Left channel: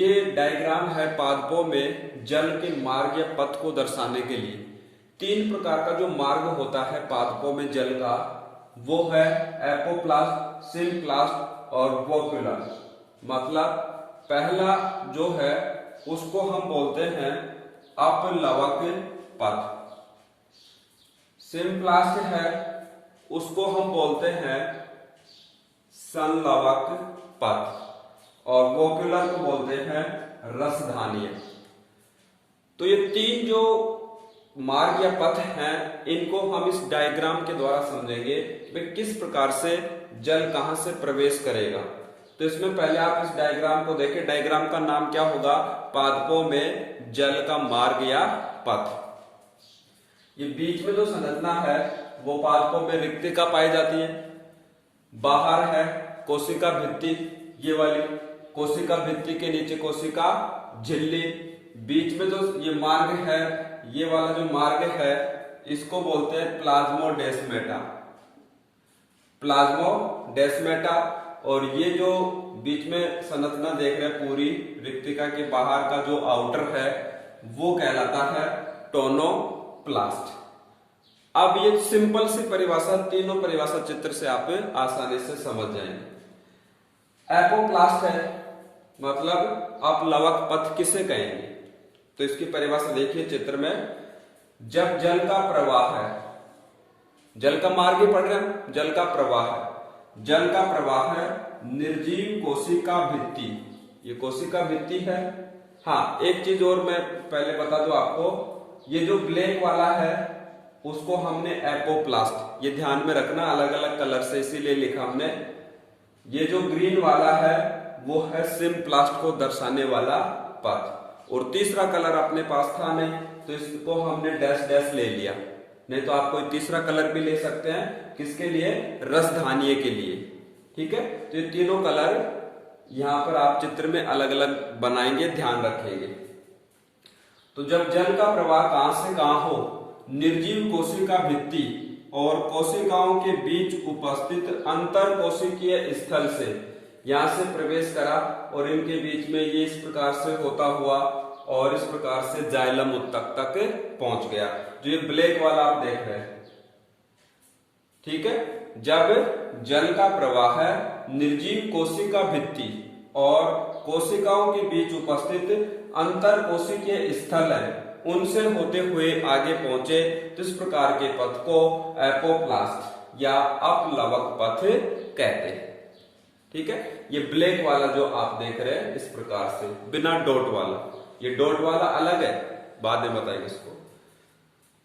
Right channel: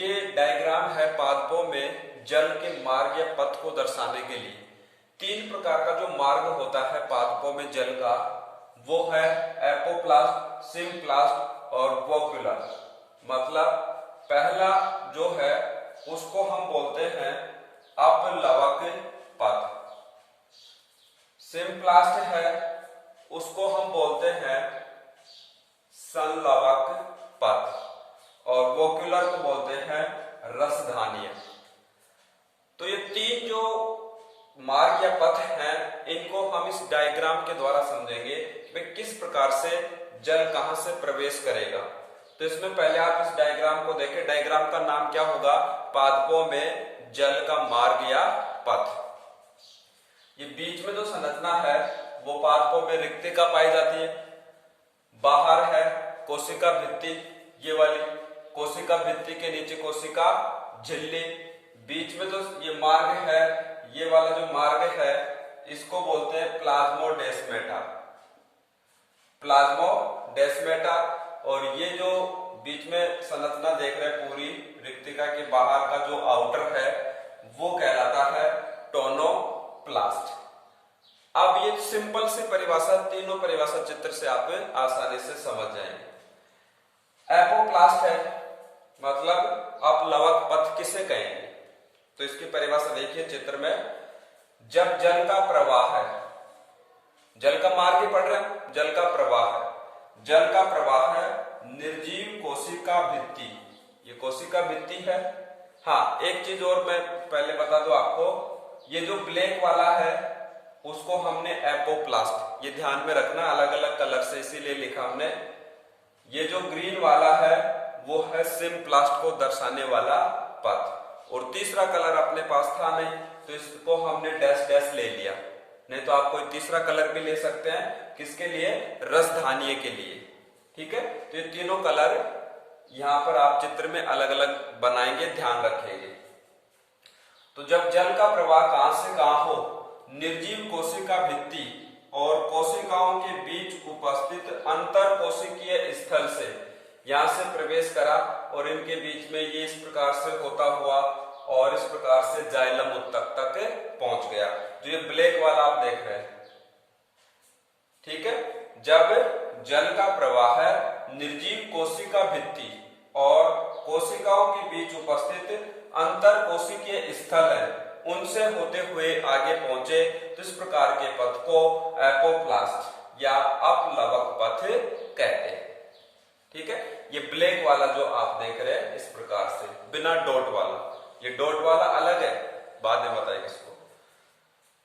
ये डायग्राम है पादपों में जल के मार्ग या पथ को दर्शाने के लिए। तीन प्रकार का जो मार्ग होता है पादपों में जल का, वो है एपोप्लास्ट, सिम्प्लास्ट और वोक्युलर। मतलब पहला जो है उसको हम बोलते हैं अपलवक पथ, सिम्प्लास्ट है उसको हम बोलते हैं संलवक पथ और वोक्युलर को बोलते हैं रसधानीय। तो ये तीन जो मार्ग या पथ हैं, इनको हम इस डायग्राम के द्वारा समझेंगे कि किस प्रकार से जल कहां से प्रवेश करेगा। तो इसमें पहले आप इस डायग्राम को देखें। डायग्राम का नाम क्या होगा? पादपों में जल का मार्ग या पथ। ये बीच में जो संरचना है वो पादपों में रिक्तिका पाई जाती है। बाहर है कोशिका भित्ति, ये वाली कोशिका भित्ति के नीचे कोशिका झिल्ली, बीच में जो ये मार्ग है, ये वाला जो मार्ग है इसको बोलते हैं प्लाज्मोडेस्मेटा, प्लाज्मोडेस्मेटा। और ये जो बीच में संरचना देख रहे हैं पूरी रिक्तिका के बाहर का जो आउटर है वो कहलाता है टोनोप्लास्ट। अब ये सिंपल सी परिभाषा, तीनों परिभाषा चित्र से आप आसानी से समझ जाएंगे। एपोप्लास्ट है मतलब अपलवक पथ किसे कहेंगे? तो इसकी परिभाषा देखिए चित्र में। जब जल का प्रवाह है, जल का मार्ग ही पढ़ रहे हैं, जल का प्रवाह है, जल का प्रवाह है निर्जीव कोशिका भित्ति, ये कोशिका भित्ति है। हाँ, एक चीज और मैं पहले बता दूं आपको, ये जो ब्लैक वाला है उसको हमने एपोप्लास्ट, ये ध्यान में रखना, अलग अलग कलर से इसीलिए लिखा हमने। ये जो ग्रीन वाला है वो है सिम्प्लास्ट को दर्शाने वाला पथ। और तीसरा कलर अपने पास था नहीं तो इसको हमने डैश डैश ले लिया, नहीं तो आप कोई तीसरा कलर भी ले सकते हैं। किसके लिए? रसधानीय के लिए। ठीक है, तो ये तीनों कलर यहां पर आप चित्र में अलग अलग बनाएंगे, ध्यान रखेंगे। तो जब जल का प्रवाह कहां से कहां हो, निर्जीव कोशिका भित्ति और कोशिकाओं के बीच उपस्थित अंतर कोशिकीय स्थल से यहां से प्रवेश करा और इनके बीच में ये इस प्रकार से होता हुआ और इस प्रकार से जाइलम उत्तक तक पहुंच गया, जो ये ब्लैक वाला आप देख रहे हैं। ठीक है, जब जल का प्रवाह है निर्जीव कोशिका भित्ति और कोशिकाओं के बीच उपस्थित अंतर कोशिकीय स्थल है उनसे होते हुए आगे पहुंचे, तो इस प्रकार के पथ को एपोप्लास्ट या अपलवक पथ कहते हैं। ठीक है, ये ब्लैक वाला जो आप देख रहे हैं इस प्रकार से बिना डॉट वाला, ये डॉट वाला अलग है, बाद में बताएंगे इसको।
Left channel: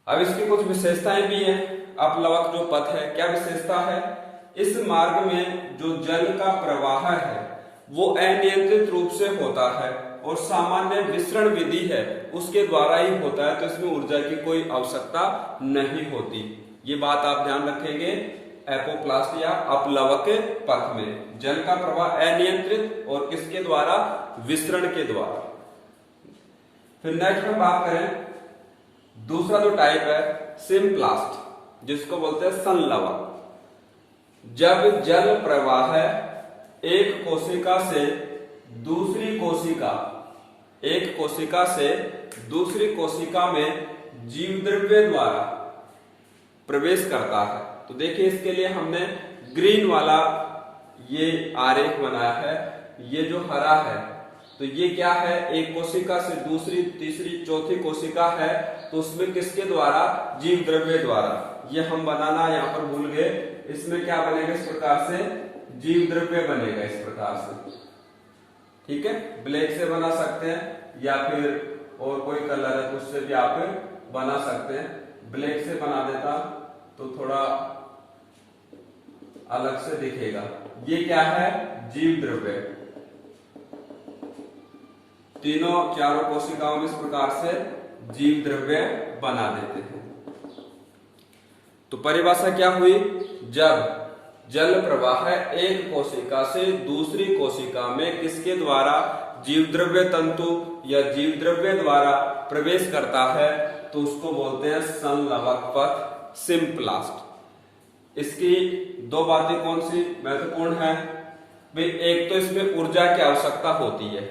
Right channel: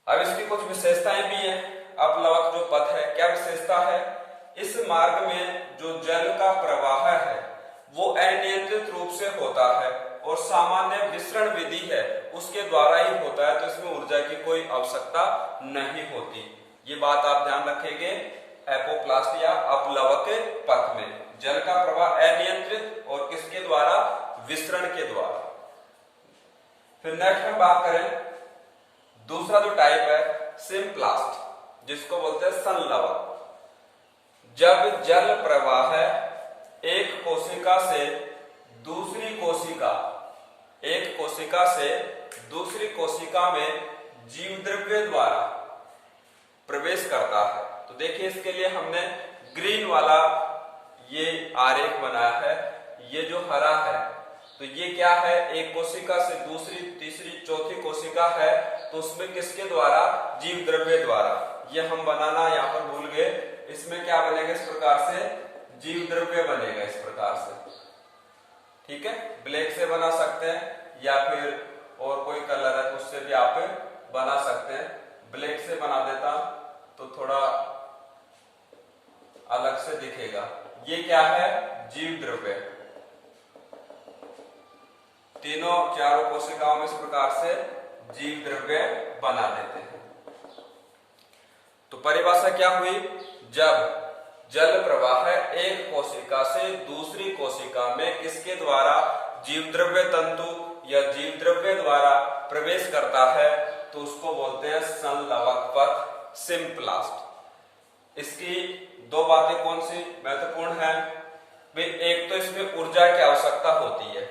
अब इसकी कुछ विशेषताएं भी हैं। अपलवक जो पथ है, क्या विशेषता है? इस मार्ग में जो जल का प्रवाह है वो अनियंत्रित रूप से होता है और सामान्य विसरण विधि है उसके द्वारा ही होता है, तो इसमें ऊर्जा की कोई आवश्यकता नहीं होती। ये बात आप ध्यान रखेंगे। एपोप्लास्ट या अपलवक पथ में जल का प्रवाह अनियंत्रित और किसके द्वारा? विसरण के द्वारा। फिर नेक्स्ट में बात करें, दूसरा जो टाइप है सिम्प्लास्ट, जिसको बोलते हैं संलवक। जब जल प्रवाह है एक कोशिका से दूसरी कोशिका, एक कोशिका से दूसरी कोशिका में जीव द्रव्य द्वारा प्रवेश करता है। तो देखिए इसके लिए हमने ग्रीन वाला ये आरेख बनाया है, ये जो हरा है तो ये क्या है? एक कोशिका से दूसरी, तीसरी, चौथी कोशिका है तो उसमें किसके द्वारा? जीव द्रव्य द्वारा। ये हम बनाना यहाँ पर भूल गए। इसमें क्या बनेगा? इस प्रकार से जीव द्रव्य बनेगा, इस प्रकार से। ठीक है, ब्लैक से बना सकते हैं या फिर और कोई कलर है तो उससे भी आप बना सकते हैं। ब्लैक से बना देता तो थोड़ा अलग से दिखेगा। ये क्या है? जीव द्रव्य। तीनों चारों कोशिकाओं में इस प्रकार से जीव द्रव्य बना देते हैं। तो परिभाषा क्या हुई? जब जल प्रवाह एक कोशिका से दूसरी कोशिका में किसके द्वारा? जीव द्रव्य तंतु या जीव द्रव्य द्वारा प्रवेश करता है तो उसको बोलते हैं संलवक पथ, सिम्प्लास्ट। इसकी दो बातें कौन सी महत्वपूर्ण है? भाई एक तो इसमें ऊर्जा की आवश्यकता होती है,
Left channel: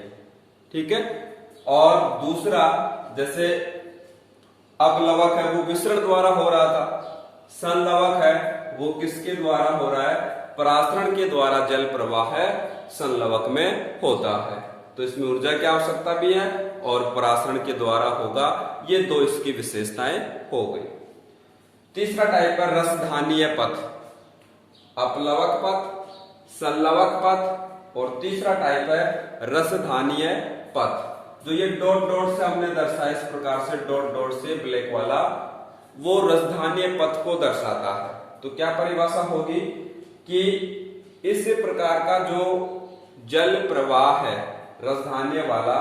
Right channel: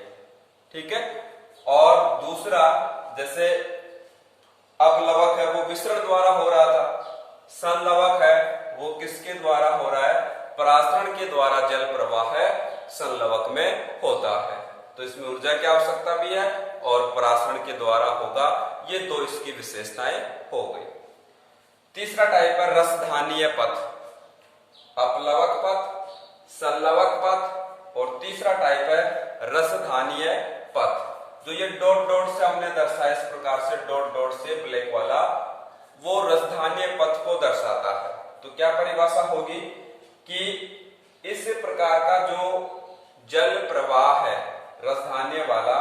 ठीक है। और दूसरा, जैसे अपलवक है वो विसरण द्वारा हो रहा था, संलवक है वो किसके द्वारा हो रहा है, परासरण के द्वारा जल प्रवाह है संलवक में होता है। तो इसमें ऊर्जा की आवश्यकता भी है और परासरण के द्वारा होगा। ये दो इसकी विशेषताएं हो गई। तीसरा टाइप है रसधानीय पथ, अपलवक पथ, संलवक पथ, और तीसरा टाइप है रसधानीय पथ। जो ये डॉट डॉट से हमने दर्शाया, इस प्रकार से डॉट डॉट से ब्लैक वाला, वो रसधानीय पथ को दर्शाता है। तो क्या परिभाषा होगी कि इस प्रकार का जो जल प्रवाह है रसधानीय वाला,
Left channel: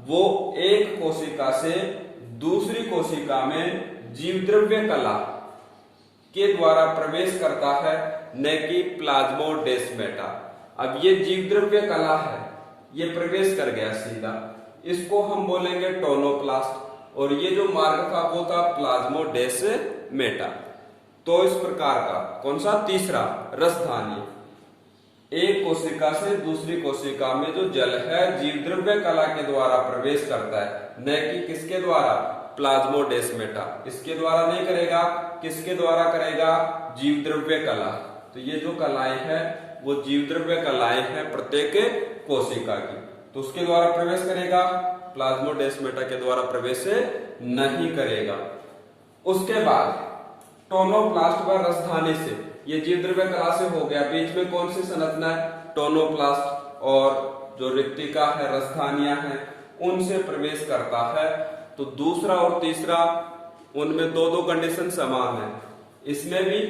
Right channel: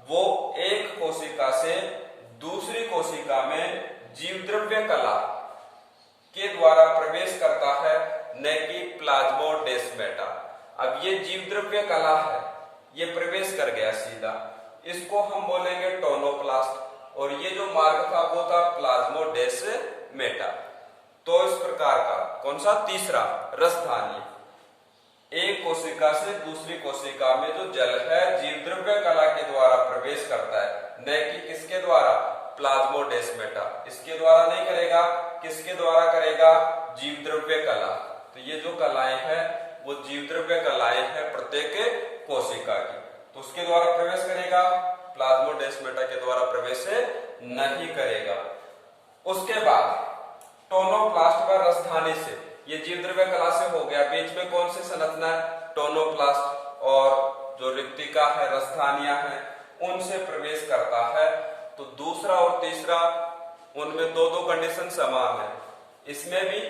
वो एक कोशिका से दूसरी कोशिका में जीवद्रव्य कला के द्वारा प्रवेश करता है, न कि प्लाज्मोडेस्माटा। अब ये जीवद्रव्य कला है, ये प्रवेश कर गया सीधा, इसको हम बोलेंगे टोनोप्लास्ट, और ये जो मार्ग था वो था प्लाज्मोडेस्माटा। तो इस प्रकार का कौन सा, तीसरा रसधानी, एक कोशिका से दूसरी कोशिका में जो जल है जीवद्रव्य कला के द्वारा प्रवेश करता है, न कि किसके द्वारा, प्लाज्मोडेस्माटा। इसके द्वारा नहीं करेगा, किसके द्वारा करेगा, जीवद्रव्य कला। तो ये जो कलाएं हैं वो जीवद्रव्य कलाएं हैं प्रत्येक कोशिका की, तो उसके द्वारा प्रवेश करेगा, प्लाज्मोडेस्माटा के द्वारा प्रवेश नहीं करेगा। उसके बाद टोनोप्लास्ट व रसधानी से, ये जीवद्रव्य कला से हो गया, बीच में कौन सी संरचना है, टोनोप्लास्ट, और जो रिक्तिका है रसधानिया है उनसे प्रवेश करता है। तो दूसरा और तीसरा, उनमें दो दो कंडीशन समान है। इसमें भी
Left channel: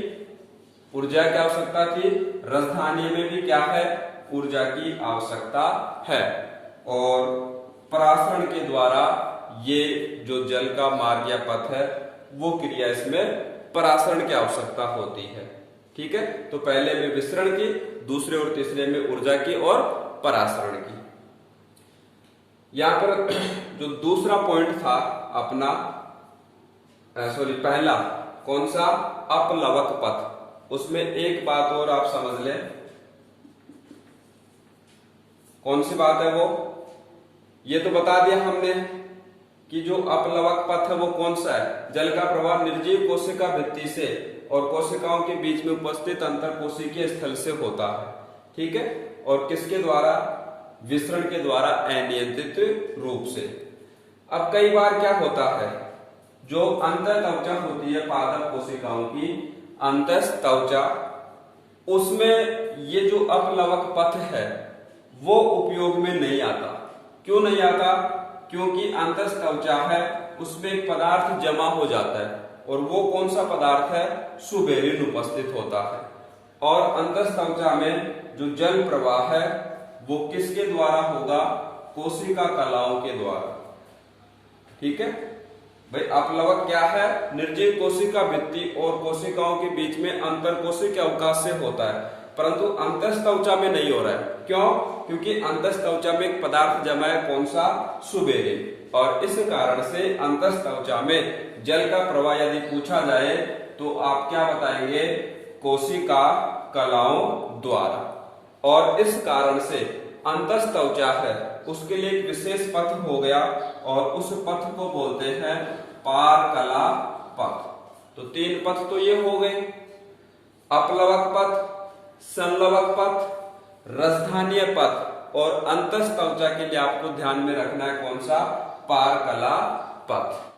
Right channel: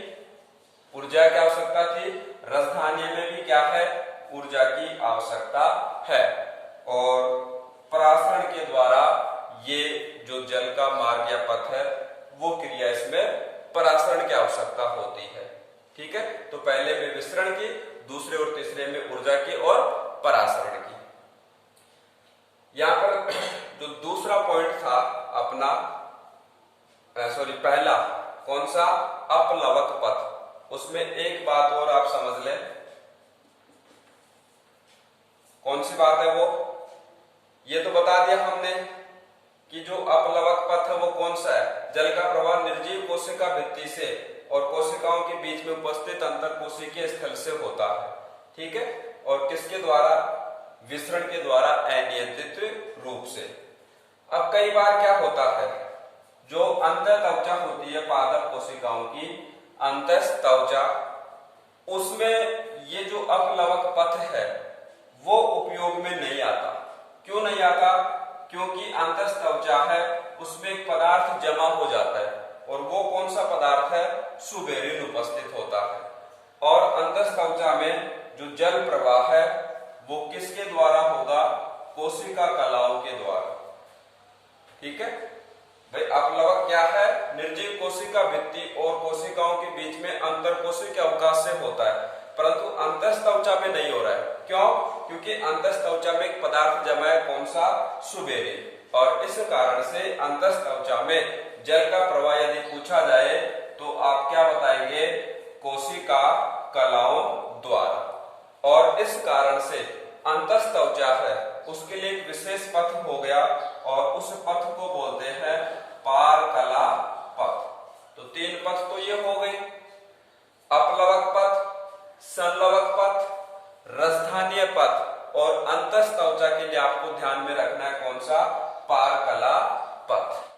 ऊर्जा की आवश्यकता थी, रसधानी में भी क्या है, ऊर्जा की आवश्यकता है, और परासरण के द्वारा ये जो जल का मार्ग या पथ है वो क्रिया, इसमें परासरण की आवश्यकता होती है। ठीक है, तो पहले में विसरण की, दूसरे और तीसरे में ऊर्जा की और परासरण की। यहां पर जो दूसरा पॉइंट था अपना, पहला कौन सा, अपलवक पथ, उसमें एक बात और आप समझ लें। कौन सी बात है वो, ये तो बता दिया हमने कि जो अपलवक पथ है वो कौन सा है, जल का प्रवाह निर्जीव कोशिका भित्ति से और कोशिकाओं के बीच में उपस्थित अंतर कोशिकीय स्थल से होता है। ठीक है, और किसके द्वारा, विसरण के द्वारा अनियंत्रित रूप से। अब कई बार क्या होता है, जो अंतःत्वचा होती है पादप कोशिकाओं की अंतःत्वचा, उसमें ये जो अपलवक पथ है वो उपयोग में नहीं आता। क्यों नहीं आता, क्योंकि अंतःत्वचा है उसमें एक पदार्थ जमा हो जाता है, और वो कौन सा पदार्थ है, सुबेरिन उपस्थित होता है। और अंतःत्वचा में जो जल प्रवाह है वो किसके द्वारा होगा, कोशिका कलाओं के द्वारा। ठीक है भाई, अपलवक क्या है, निर्जीव कोशिका भित्ति और कोशिकाओं के बीच में अंतर कोशिकीय अवकाश से होता है, परंतु अंतःत्वचा में नहीं हो रहा है। क्यों, क्योंकि अंतःत्वचा में एक पदार्थ जमा है, कौन सा, सुबेरिन, और इस कारण से अंतःत्वचा में जल का प्रवाह यदि पूछा जाए तो आप क्या बताएंगे, कोशिका कलाओं द्वारा। और इस कारण से अंतःत्वचा है उसके लिए एक विशेष पथ हो गया, और उस पथ को बोलते हैं पारकला पथ। तो तीन पथ तो ये हो गए, अपलवक पथ, संलवक पथ, रसधानीय पथ, और अंतःत्वचा के लिए आपको ध्यान में रखना है कौन सा, पारकला पथ।